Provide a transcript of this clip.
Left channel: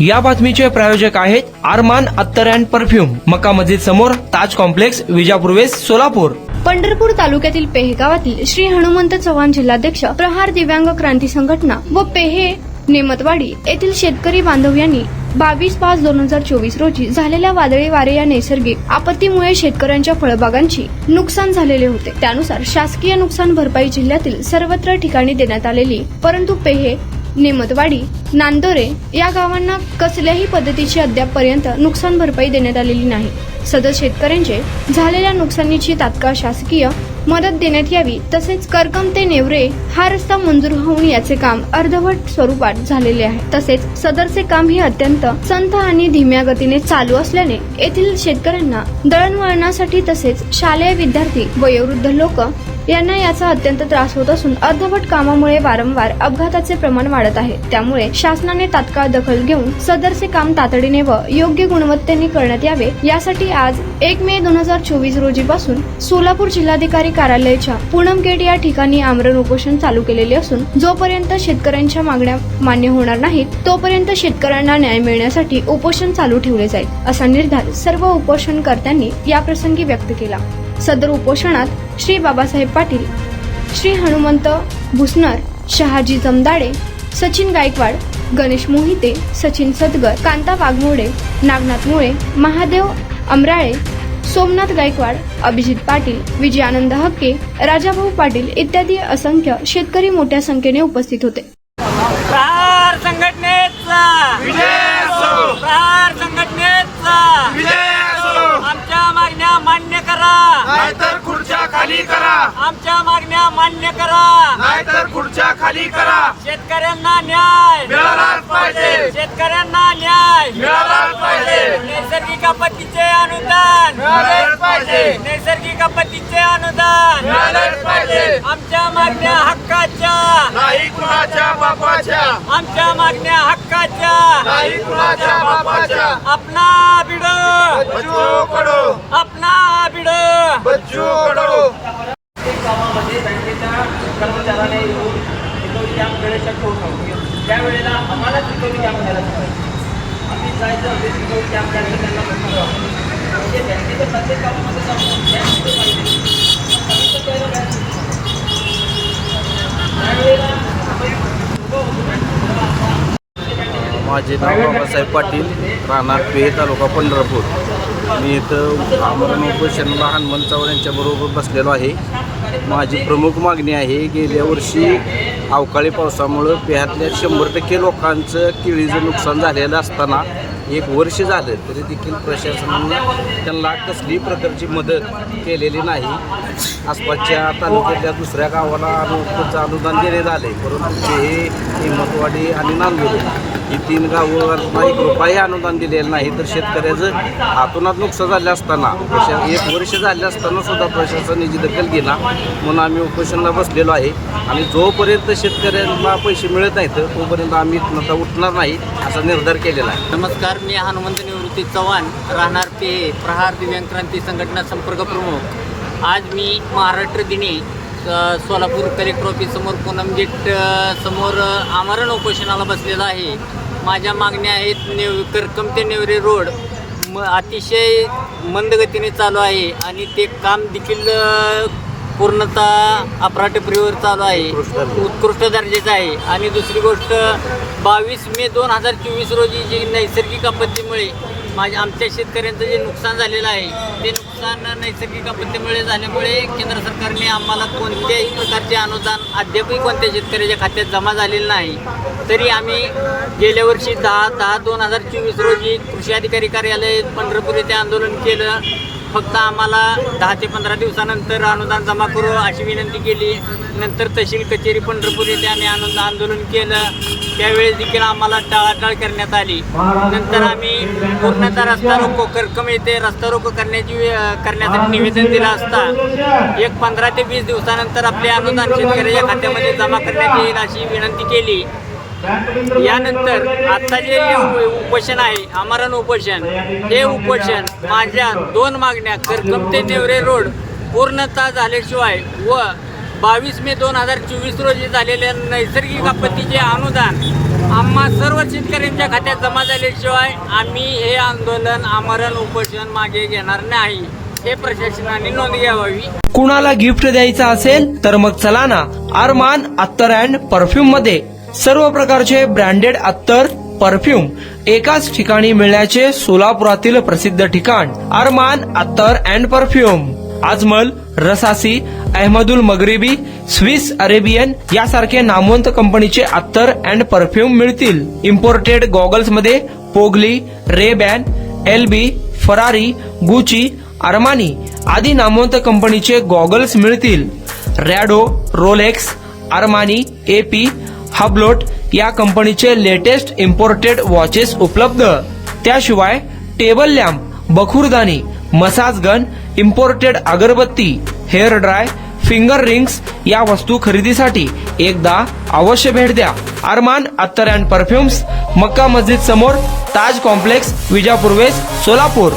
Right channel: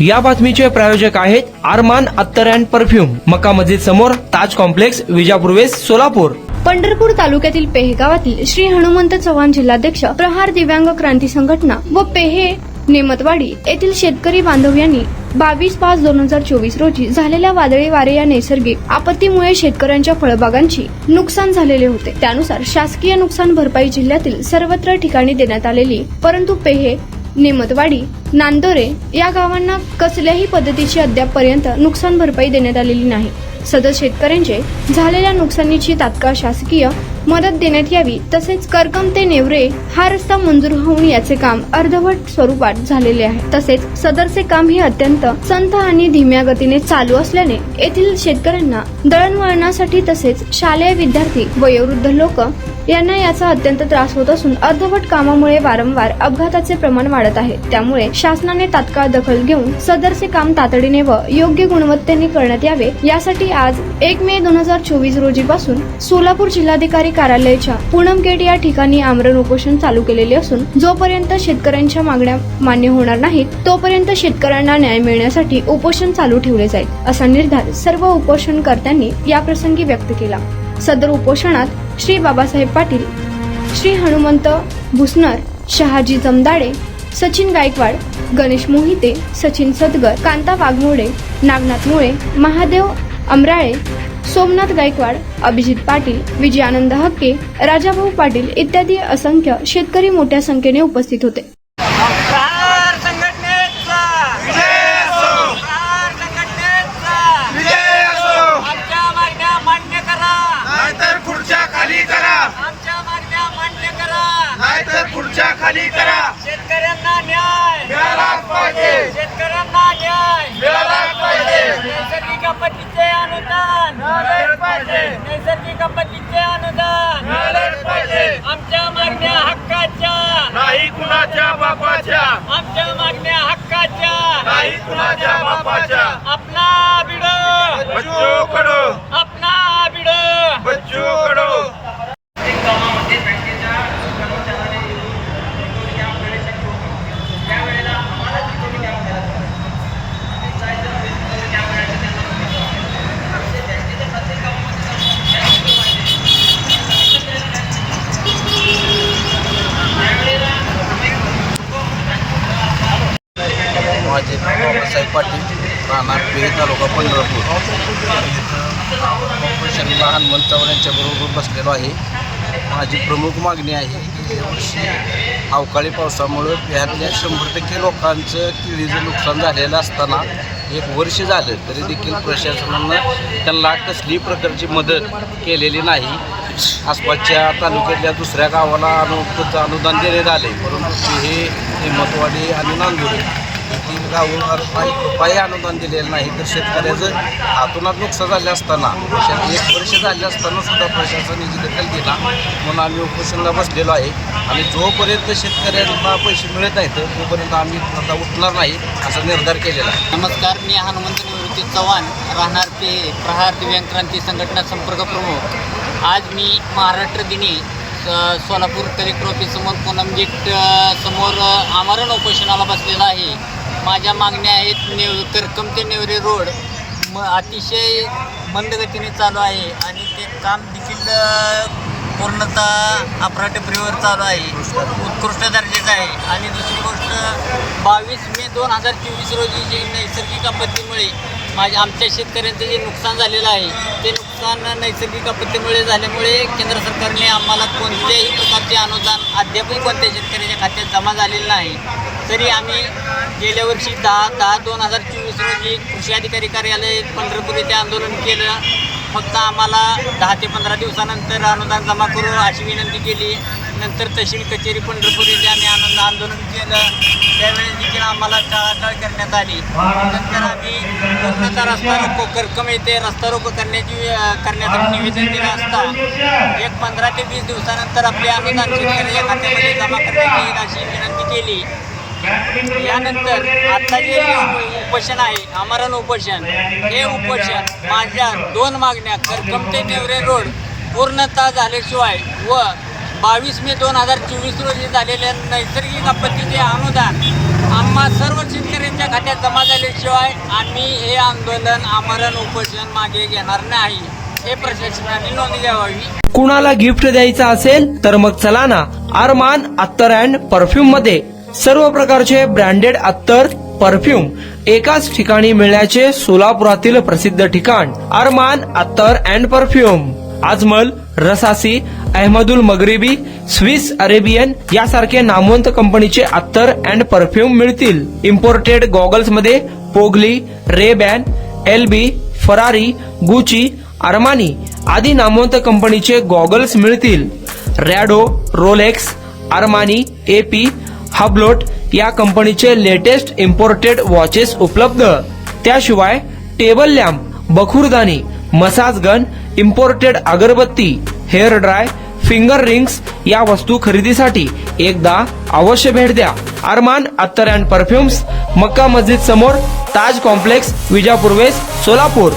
या बातमीचे प्रायोजक आहेत आरमान अत्तर अँड परफ्यूम, मक्का मस्जिद समोर, ताज कॉम्प्लेक्स, विजापूर वेस्ट, सोलापूर. पंढरपूर तालुक्यातील पेहे गावातील श्री हनुमंत चव्हाण जिल्हाध्यक्ष, प्रहार दिव्यांग क्रांती संघटना व पेहे नेमतवाडी येथील शेतकरी बांधव यांनी 22/5/2024 रोजी झालेल्या वादळी वारे या नैसर्गिक आपत्तीमुळे शेतकऱ्यांच्या फळबागांची नुकसान झालेले होते. त्यानुसार शासकीय नुकसान भरपाई जिल्ह्यातील सर्वत्र ठिकाणी देण्यात आलेली, परंतु पेहे, नेमतवाडी, नांदोरे या गावांना कसल्याही पद्धतीची अद्यापपर्यंत नुकसान भरपाई देण्यात आलेली नाही. सदर शेतकऱ्यांचे झालेल्या नुकसानीची तात्काळ शासकीय मदत देण्यात यावी. तसेच करकम ते नेवरे हा रस्ता मंजूर होऊन याचे काम अर्धवट स्वरूपात झालेले आहे. तसेच सदरचे काम हे अत्यंत संथ आणि धीम्या गतीने चालू असल्याने येथील शेतकऱ्यांना दळणवळणासाठी तसेच शालेय विद्यार्थी, वयोवृद्ध लोक यांना याचा अत्यंत त्रास होत असून अर्धवट कामामुळे वारंवार अपघाताचे प्रमाण वाढत आहे. त्यामुळे शासनाने तात्काळ दखल घेऊन सदरचे काम तातडीने व योग्य गुणवत्तेने करण्यात यावे. यासाठी आज 1 मे 2024 रोजीपासून सोलापूर जिल्हाधिकारी कार्यालयाच्या पूनम गेट या ठिकाणी आमरण उपोषण चालू केलेले असून जोपर्यंत शेतकऱ्यांच्या मागण्या मान्य होणार नाहीत तोपर्यंत शेतकऱ्यांना न्याय मिळण्यासाठी उपोषण चालू ठेवले जाईल, असा निर्धार सर्व उपोषणकर्त्यांनी याप्रसंगी व्यक्त केला. सदर उपोषणात श्री बाबासाहेब पाटील, श्री हनुमंत भुसनर, शहाजी जमदाडे, सचिन गायकवाड, गणेश मोहिते, सचिन सदगर, कांता वाघमोडे, नागनाथ मुळे, महादेव अमराळे, सोमनाथ गायकवाड, अभिजित पाटील, विजयानंद हक्के, राजाभाऊ पाटील इत्यादी असंख्य शेतकरी मोठ्या संख्येने उपस्थित होते. प्रहार संघटनेचा विजय असो. प्रहार संघटनेचा विजय असो. आमच्या मागण्या मान्य करा, नाहीतर खुर्च्या खाली करा. आमच्या मागण्या मान्य करा, नाहीतर खुर्च्या खाली करा. शेतकऱ्यांना न्याय मिळालाच पाहिजे. शेतकऱ्यांना न्याय मिळालाच पाहिजे. नैसर्गिक आपत्तीचे अनुदान मिळालंच पाहिजे. नैसर्गिक आपत्तीचे अनुदान मिळालंच पाहिजे. आमच्या मागण्या हक्काच्या, नाही कुणाच्या बापाच्या. आमच्या मागण्या हक्काच्या, नाही कुणाच्या बापाच्या. अपना बिडो, बच्चू कडो, अपना बिडो. बच्चू कडो. कामामध्ये बँकेच्या कर्मचाऱ्याने कॅम्प वेळेसाठी होतो. त्यावेळेला आम्हाला सिक्युरिटी कॅम्प मिळाला. आम्ही जायचं बेसिकली कॅम्प घ्यायचं बँकेच्या प्रत्येक कामामध्ये माझे नाव बाबासाहेब पाटील, राहणार पेहे, तालुका पंढरपूर. मी इथं आमरण उपोषणाला हनुमंत चव्हाण यांच्याबरोबर बसलेलो आहे. माझी प्रमुख मागणी आहे, गेल्या वर्षी अवकाळी पावसामुळं पेह्यातल्या 100% लोकांचं केळीचं नुकसान झालेलं असताना 1 वर्ष झालं तरी देखील प्रशासनानं त्यांना कसलीही प्रकारची मदत केलेली नाही. आसपासच्या तालुक्यातल्या दुसऱ्या गावाला त्याचं अनुदान देण्यात आले, परंतु पेहे, नेमतवाडी आणि नांदोरे ही 3 गावांना 1 रुपयाही अनुदान दिलेलं नाही. तर शेतकऱ्याचं हातोनात नुकसान झालं असताना 1 वर्ष झाले असताना सुद्धा प्रशासनाने दखल घेतला. म्हणून आम्ही उपोषणाला बसलेलो आहे आणि जोपर्यंत शेतकऱ्यांना पैसे मिळत नाहीत तोपर्यंत आम्ही आता उठणार नाही असा निर्धार केलेला आहे. नमस्कार, मी हनुमंत निवृत्ती चव्हाण, राहणार पेहे, प्रहार दिव्यांग क्रांती संघटना संपर्क प्रमुख. आज मी महाराष्ट्र दिनी सोलापूर कलेक्टर ऑफिस समोर पूनम गेट समोर आमरण उपोषणाला बसलेला आहे. माझ्या मागण्या आहेत, करकम ते नेवरे रोड अतिशय मंदगतीने चालू आहे आणि ते काम देखील पूर्णतः अफराटफरीवर चालू आहे, उत्कृष्ट दर्जाचं आहे. आणि दुसरी गोष्ट 22 मे 2024 रोजी जी नैसर्गिक आपत्तीमुळे आमच्या शेतकऱ्यांचं जे नुकसान झालेलं आहे ते नुकसान नैसर्गिक आपत्तीमुळे झाल्यामुळे केंद्र सरकारने आम्हाला कोणत्याही प्रकारचे अनुदान अद्यापही कोणत्या शेतकऱ्याच्या खात्यात जमा झालेलं नाही. तरी आम्ही गेल्या वर्षी 10/10/2024 रोजी कृषी अधिकारी कार्यालय पंढरपूर येथे आंदोलन केलं. फक्त आम्हाला 10 ते 15 दिवसानंतर अनुदान जमा करू अशी विनंती केली. नंतर तहसील कचेरी पंढरपूर येथे आम्ही आंदोलन केलं. त्यावेळेस देखील आम्हाला टाळाटाळ करण्यात आली. नंतर आम्ही पूर्णतः रस्ता रोको करकम येथे रस्ता रोको करण्यासाठी निवेदन दिलं असता 15 ते 20 दिवसानंतर आपले अनुदान शेतकऱ्याच्या खात्यामध्ये जमा करण्यात येईल अशी विनंती केली. यानंतर आता जे उपोषण आहे, आमरण उपोषण, हे उपोषण माझ्या 2 मागण्या करकम ते नेवरे रोड पूर्णतः झाल्याशिवाय व 22 मे 2024 रोजी झालेल्या नैसर्गिक आपत्तीचे अनुदान आम्हा सर्व शेतकऱ्यांच्या खात्यात जमा झाल्याशिवाय आम्ही हे आंदोलन आमरण उपोषण मागे घेणार नाही, हे प्रशासनाने नोंद घ्यावी. कुणाला गिफ्ट द्यायचं असेल तर मग चला ना अरमान अत्तर अँड परफ्यूम मध्ये सर्व प्रकारचे ब्रँडेड अत्तर परफ्यूम एकाच ठिकाणी मिळण्याचे सोलापुरातील प्रसिद्ध ठिकाण अरमान अत्तर and perfume. Ajmal, Rasasi, Ahmed Al Maghribi, Swiss Arabian यासारखे नामवंत कंपनीचे अत्तर अँड परफ्यूम मिळतील. इम्पोर्टेड गॉगल्स मध्ये पोगली, Ray Ban, L B, Ferrari, Gucci, Armani आदी नामवंत कंपनीचे गॉगल्स मिळतील. Rado, Rolex, Armani, AP, Hublot या कंपनीचे लेटेस्ट इम्पोर्टेड वॉचेस उपलब्ध. त्याशिवाय टेबल लॅम्प, बखुरदानी, मसाज गन, इम्पोर्टेड अगरबत्ती, हेअर ड्राय, फिंगर रिंग्स या वस्तू खरेदीसाठी एकदा अवश्य भेट द्या. अरमान अत्तर अँड परफ्युम्स, मक्का मस्जिद समोर, ताज कॉम्प्लेक्स, विजापूर वेस्ट, सोलापूर.